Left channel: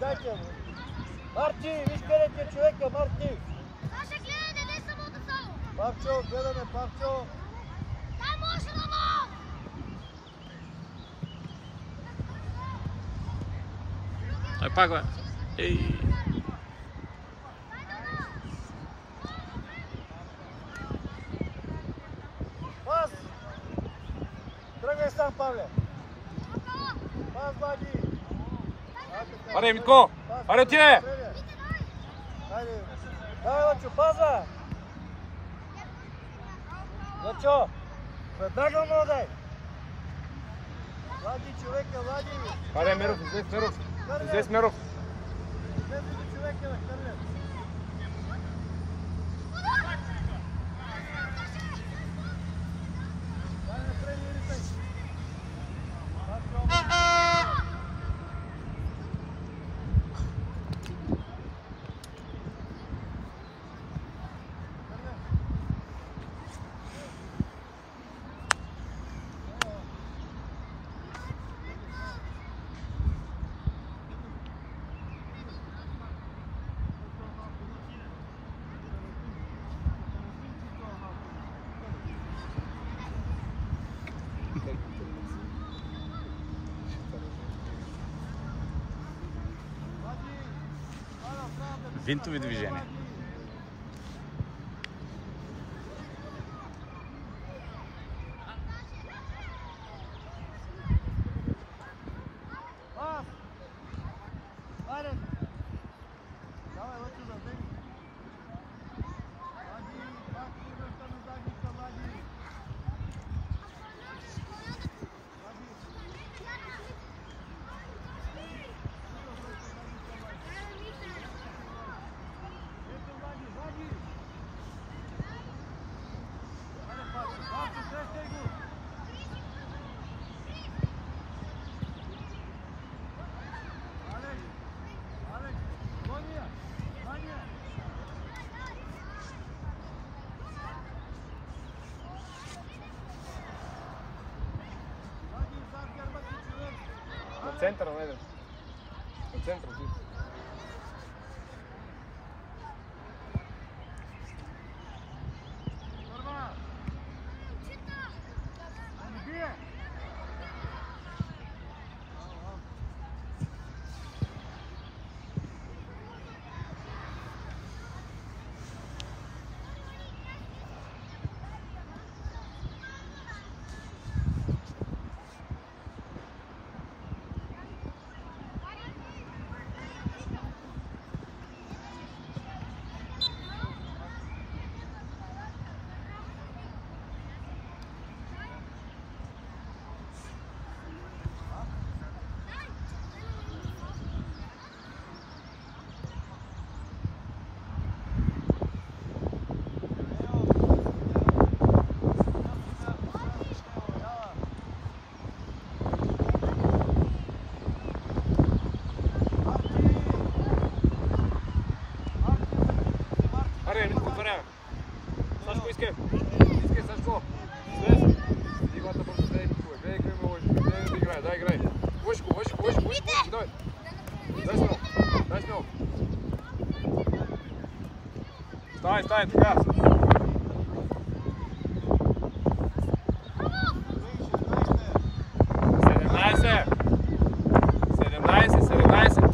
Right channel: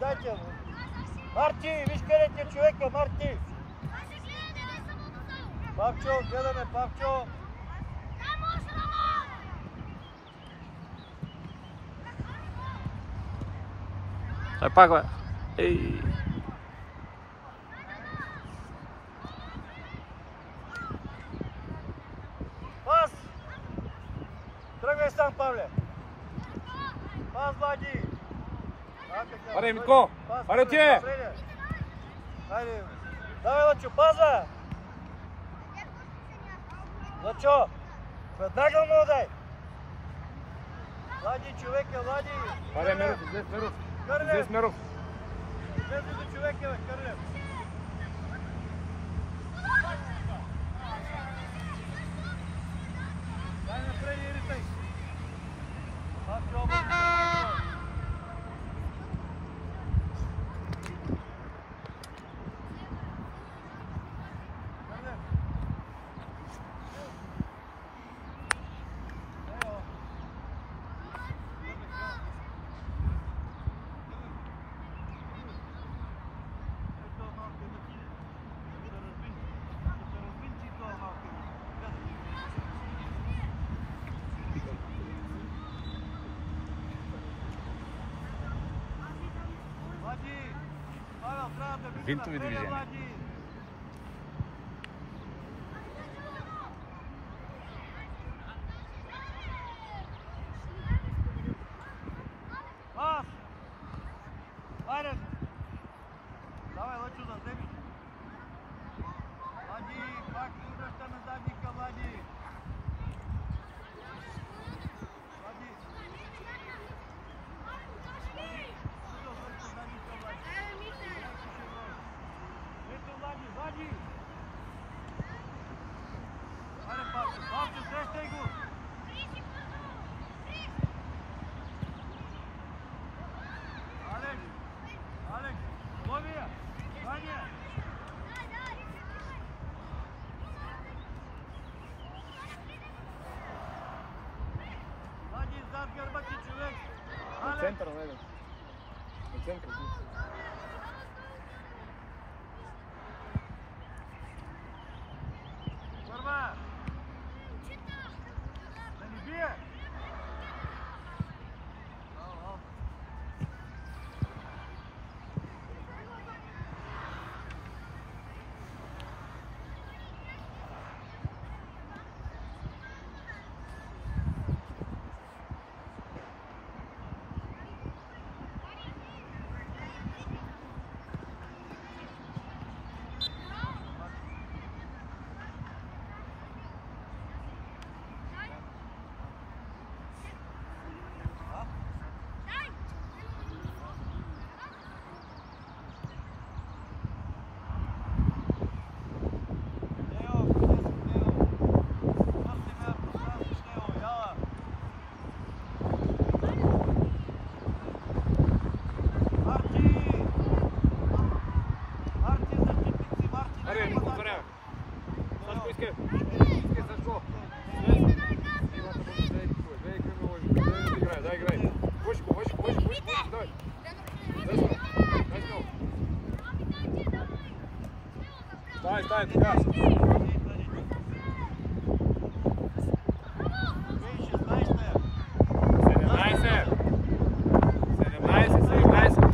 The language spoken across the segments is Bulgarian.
дайте. Марти, виж къде ти е човека, Марти. Саша, гледай, не дай самото само. Павчо, гледаме, Павчо. Дай може да го! Ай, пак, бе. Ей. Пас! Тръгай сам, Павле. Пас, Влади. Аре, Митко! Аре, отиде! Хайде. Давай, Лъчо, паза! Лъчо! Веднага му дай! Влади, човека, Влади! Аре, Меров, излез, Меров! Излез, Меров! Излез до човека, бе, Кърлев! Дай напред, Иритай! Винтови движения. Давай, Лъчо, да вземи. Влади, пак връщаме задника, Влади. Влади. Ето, Влади, Влади. Аре, Павчо, Павчо, срещай го. Алекс, Алекс, Владия, Владия. Влади, зад гърба ти човек. От центъра, найдем. От центъра, ти. Първа. Да не бие. Стай, така. 17.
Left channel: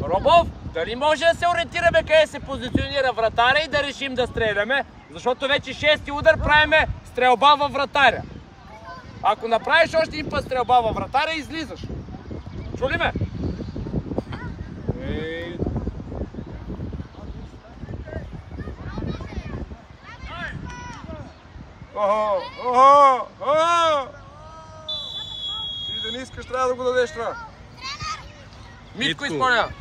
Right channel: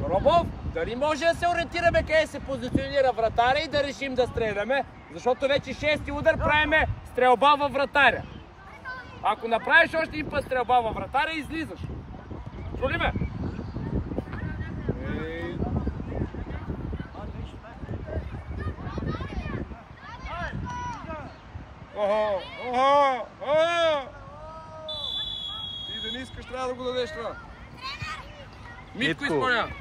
Робов, дали може да се ориентираме къде се позиционира вратаря и да решим да стреляме, защото вече 6-ти удар правиме стрелба във вратаря. Ако направиш още един път стрелба във вратаря, излизаш. Чули ме? Ти да не искаш, трябва да го дадеш това. Митко изпълнява.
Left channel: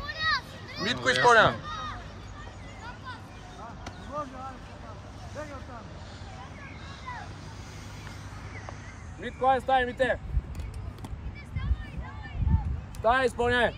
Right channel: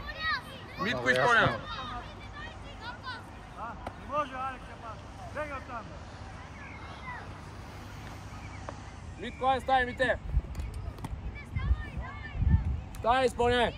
Митко изпълнява. Не може, Алекс, бега там. Митко, ай, ставай, Мите! Ставай, изпълняй!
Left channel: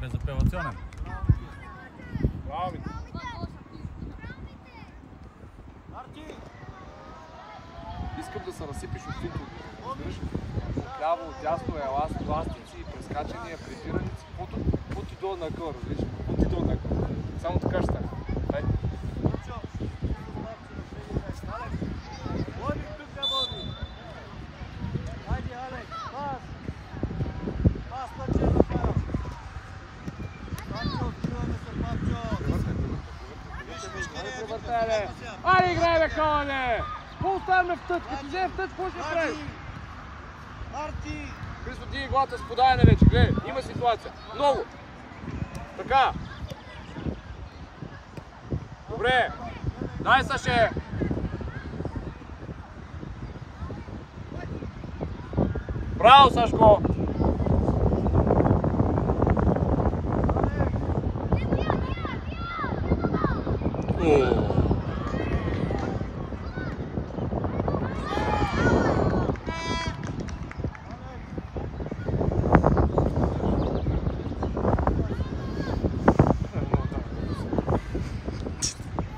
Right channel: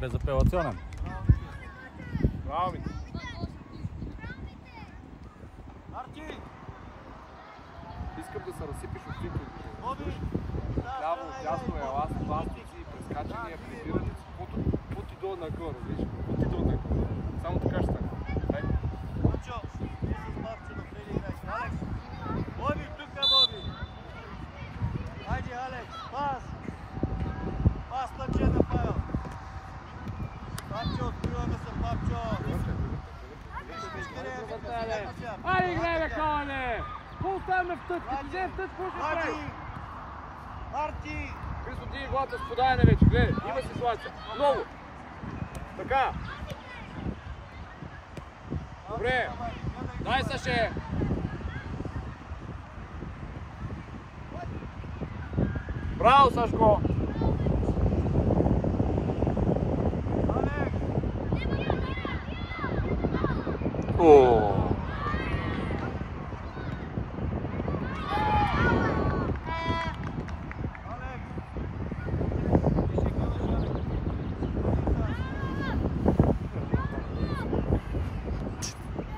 Безапелационен. Браво, Мите! Марти! Искам да се разсипиш от всички. Разбираш? Ляво, дясно, еластици, прескачания, препираници, каквото ти долу на къл, разбираш? Каквото ти долу на къл. Само така ще стане. Дай. Боби, тук е Боби! Хайде, Алекс, пас! Пас на Дженефа! Айде, играй, бе, Коле! Какво оставяме в тът? Като вземе в тът, какво ще прави? Марти! Христо, диги главата с подаяне вече, гледай, има ситуация. Много. Така. Добре. Дай, Саше. Браво, Сашко.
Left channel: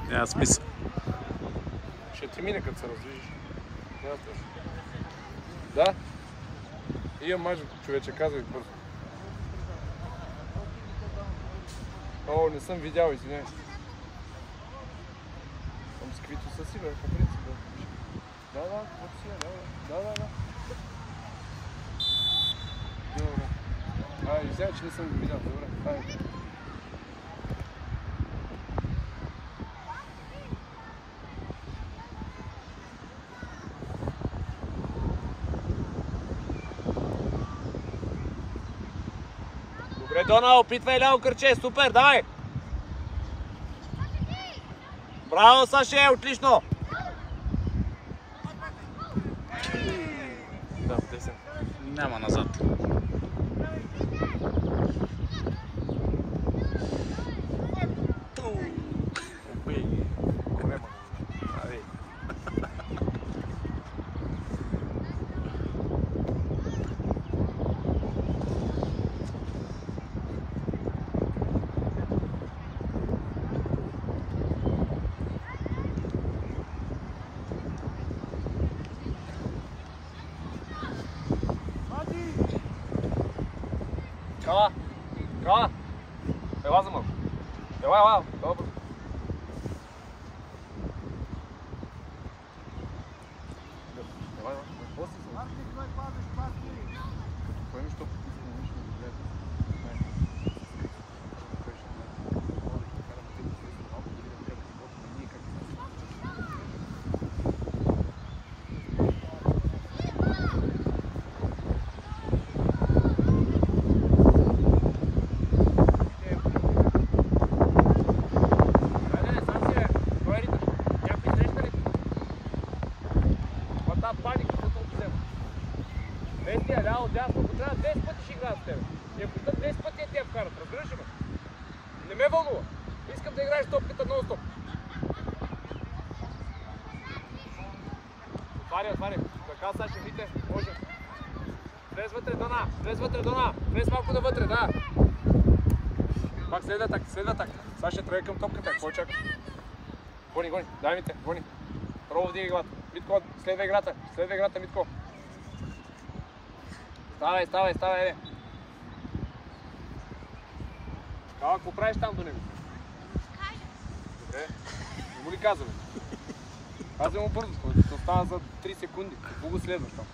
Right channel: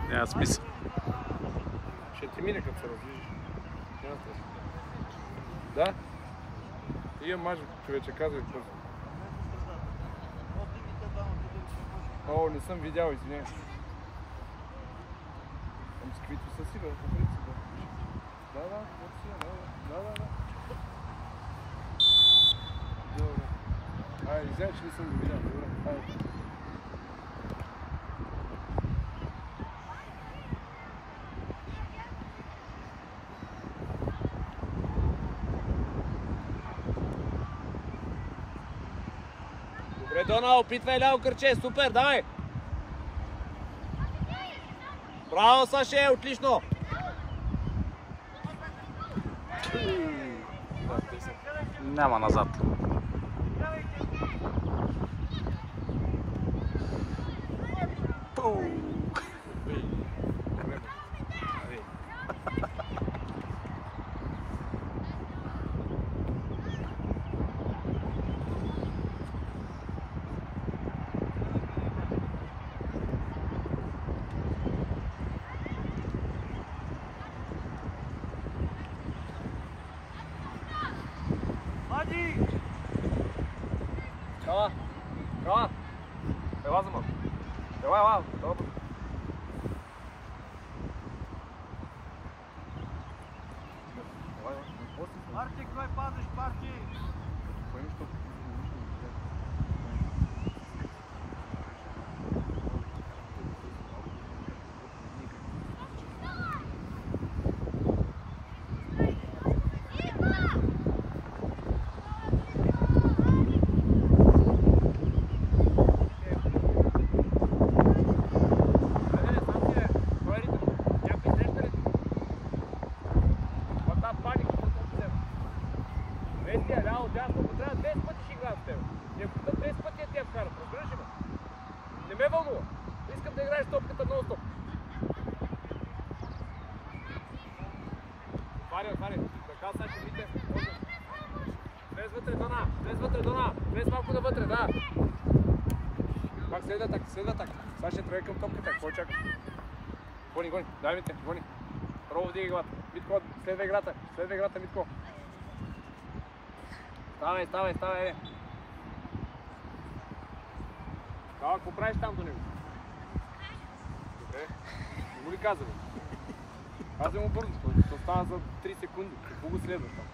Няма смисъл. Ще ти мине, като се раздвижиш. Да? Имам мъж, човече, казвай бързо. О, не съм видял, извиняй. Там с каквито са си, бе, по принцип. Да, каквото си, да. Добре. Извиняй, че не съм го видял. Добре. Добре, Дона, опитвай ляво кръче, супер, давай! Браво, Саше, отлично! Няма назад. Права! Ела за малко. Ела, добре. Марти, кой пазиш, Марти? Кой нищо? Искам да играеш топката нон-стоп. Отваря. Така, Сашо, Мите. Влез вътре, Дона. Влез малко навътре, да. Пак следва так. Саша, тръгай към топката. Какво чакаш? Гони. Дай, Мите, гони. Пробва вдига главата. Митко, следва играта, Митко. Ставай, еде. Какво правиш там до него? казвам. Аз вземам бързо, ще остана за 3 секунди. Какво го следваш това?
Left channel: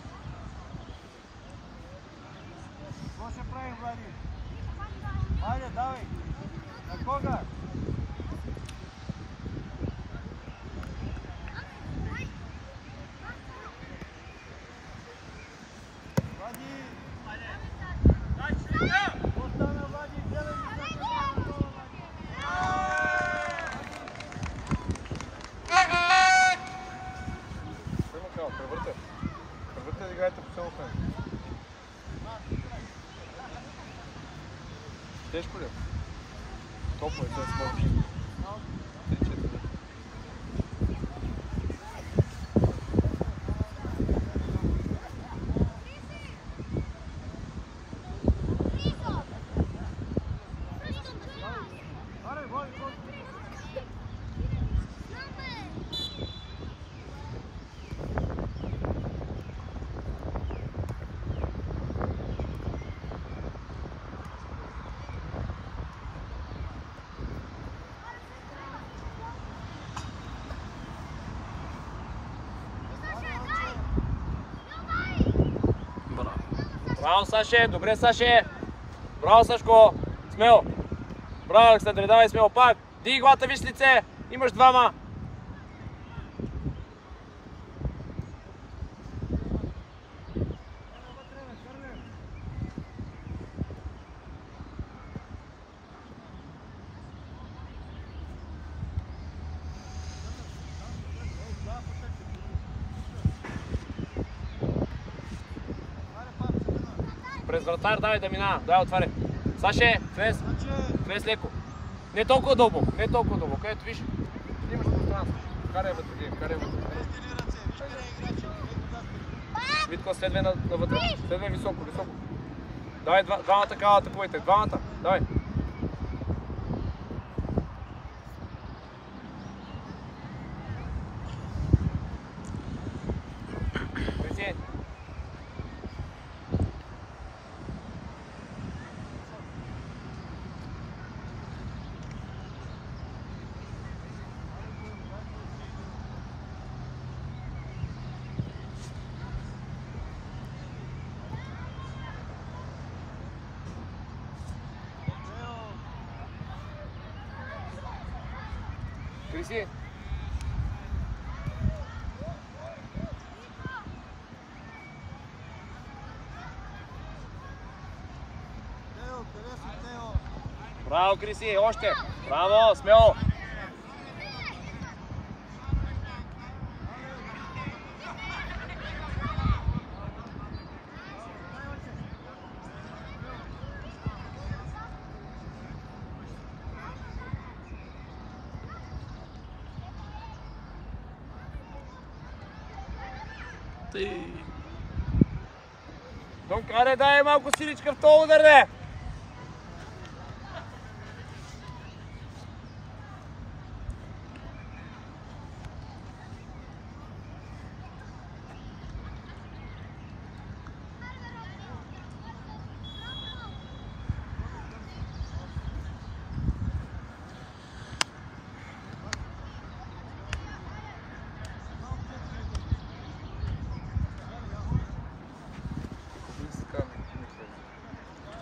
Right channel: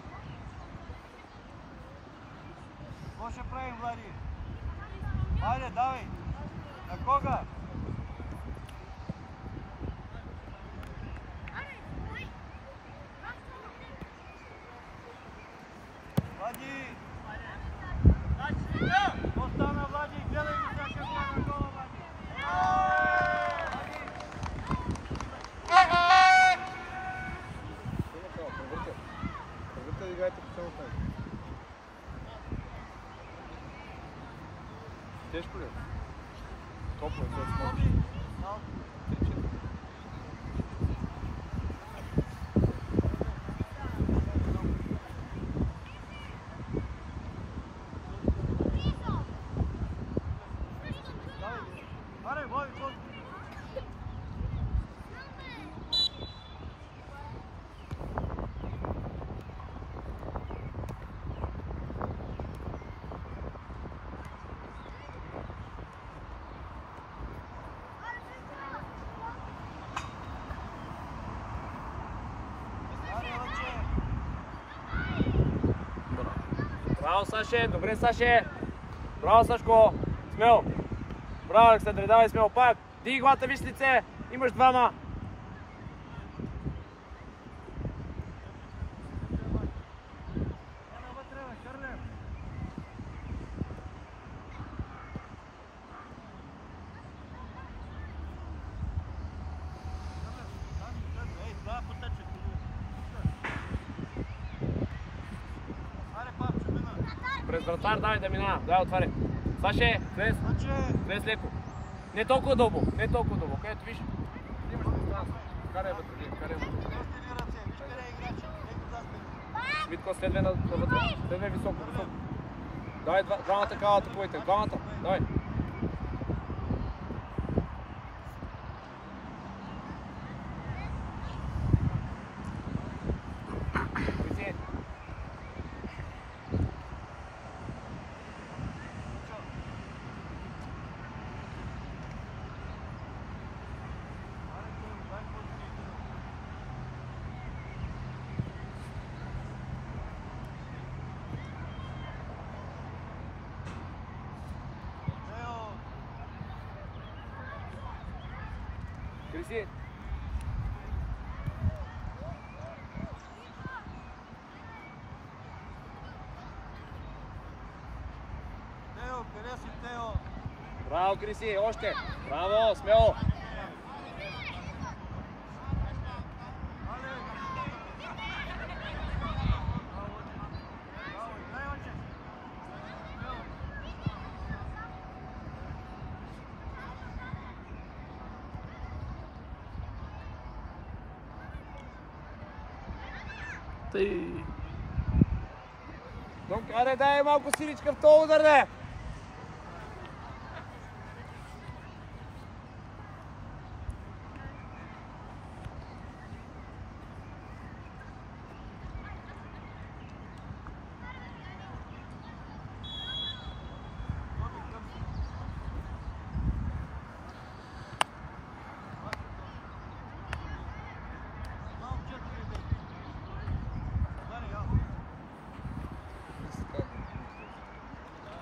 Какво ще правиш, Влади? Хайде, давай! На кога? Влади! Какво стана, Влади? Гледай ми как е стана гола, Влади! Превърте да играете по само време. Тежко ли? Толкова е, сега скоро. 3-4. Аре, Влади, Браво. Браво, Саше! Добре, Саше! Браво, Сашко! Смело! Браво, Александре, давай смело пак! Дigi главата, виж лице! Имаш двама! През вратар, давай да минава. Давай, отваряй. Саше, влез. Влез леко. Не толкова дълбоко, не толкова дълбоко. Ето виж. Имаш пространство. Карай вътре, карай вътре. Витко, следвай навътре. Следвай високо, високо. Давай, двамата такава атакуйте. Двамата. Давай. Криси. Криси. Тео, къде си, Тео? Браво, Криси, още. Браво, смело. Донкаре, дай малко силичка в този удар, де!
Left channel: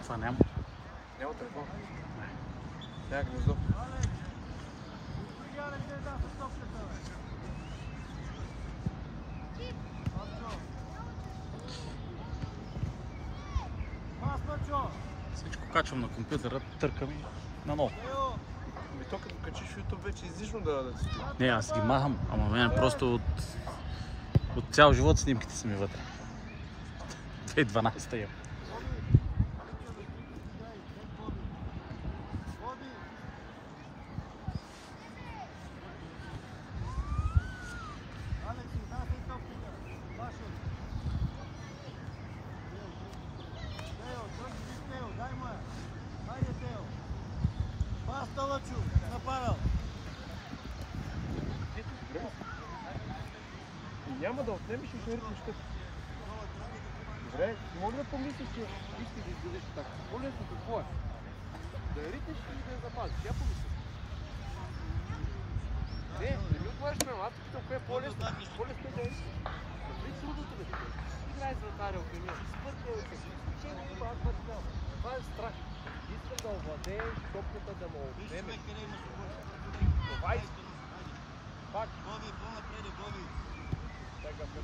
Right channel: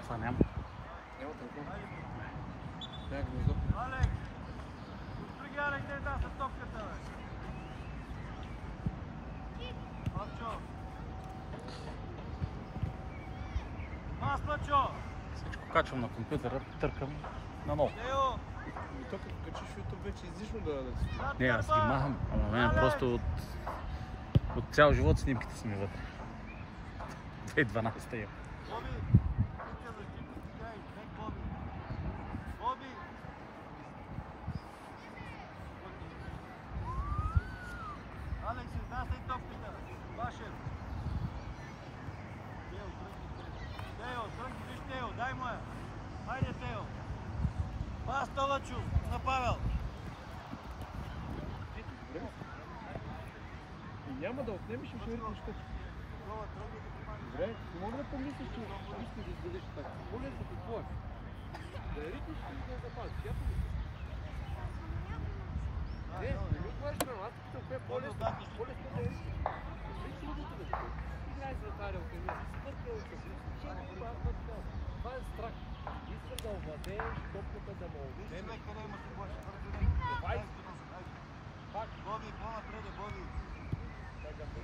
Това няма. Няма телефон. Не. Няма гнездо. Гледай, къде да с топката, бе. Папчо. Маслачо. Всичко качвам на компютъра, търкам и наново. Тео. И то като качиш YouTube вече излишно да си. Не, аз ги махам, ама мен просто от цял живот снимките са ми вътре. 2012 я. Алекс, изнасяй топката. Вашев. Тео, тръгни, Тео, дай му я. Хайде, Тео. Паста, Лъчо, на Павел. Добре. И няма да отнемеш и ще ритнеш къс. Добре, мога да помислиш, че искаш да издадеш така. Моля да какво е? Да ритнеш или да я запазиш? Я помисля. Не го кажеш, аз тук е по-лесно. По-лесно да искаш. Кажи трудното бе. Ти гледай с вратаря от него. Спъркал се. Изключение има, аз път знам. Това е страх. Искам да овладеем топката, да ме отнеме. Това искам. Пак. Боби, по-напред, Боби. Така.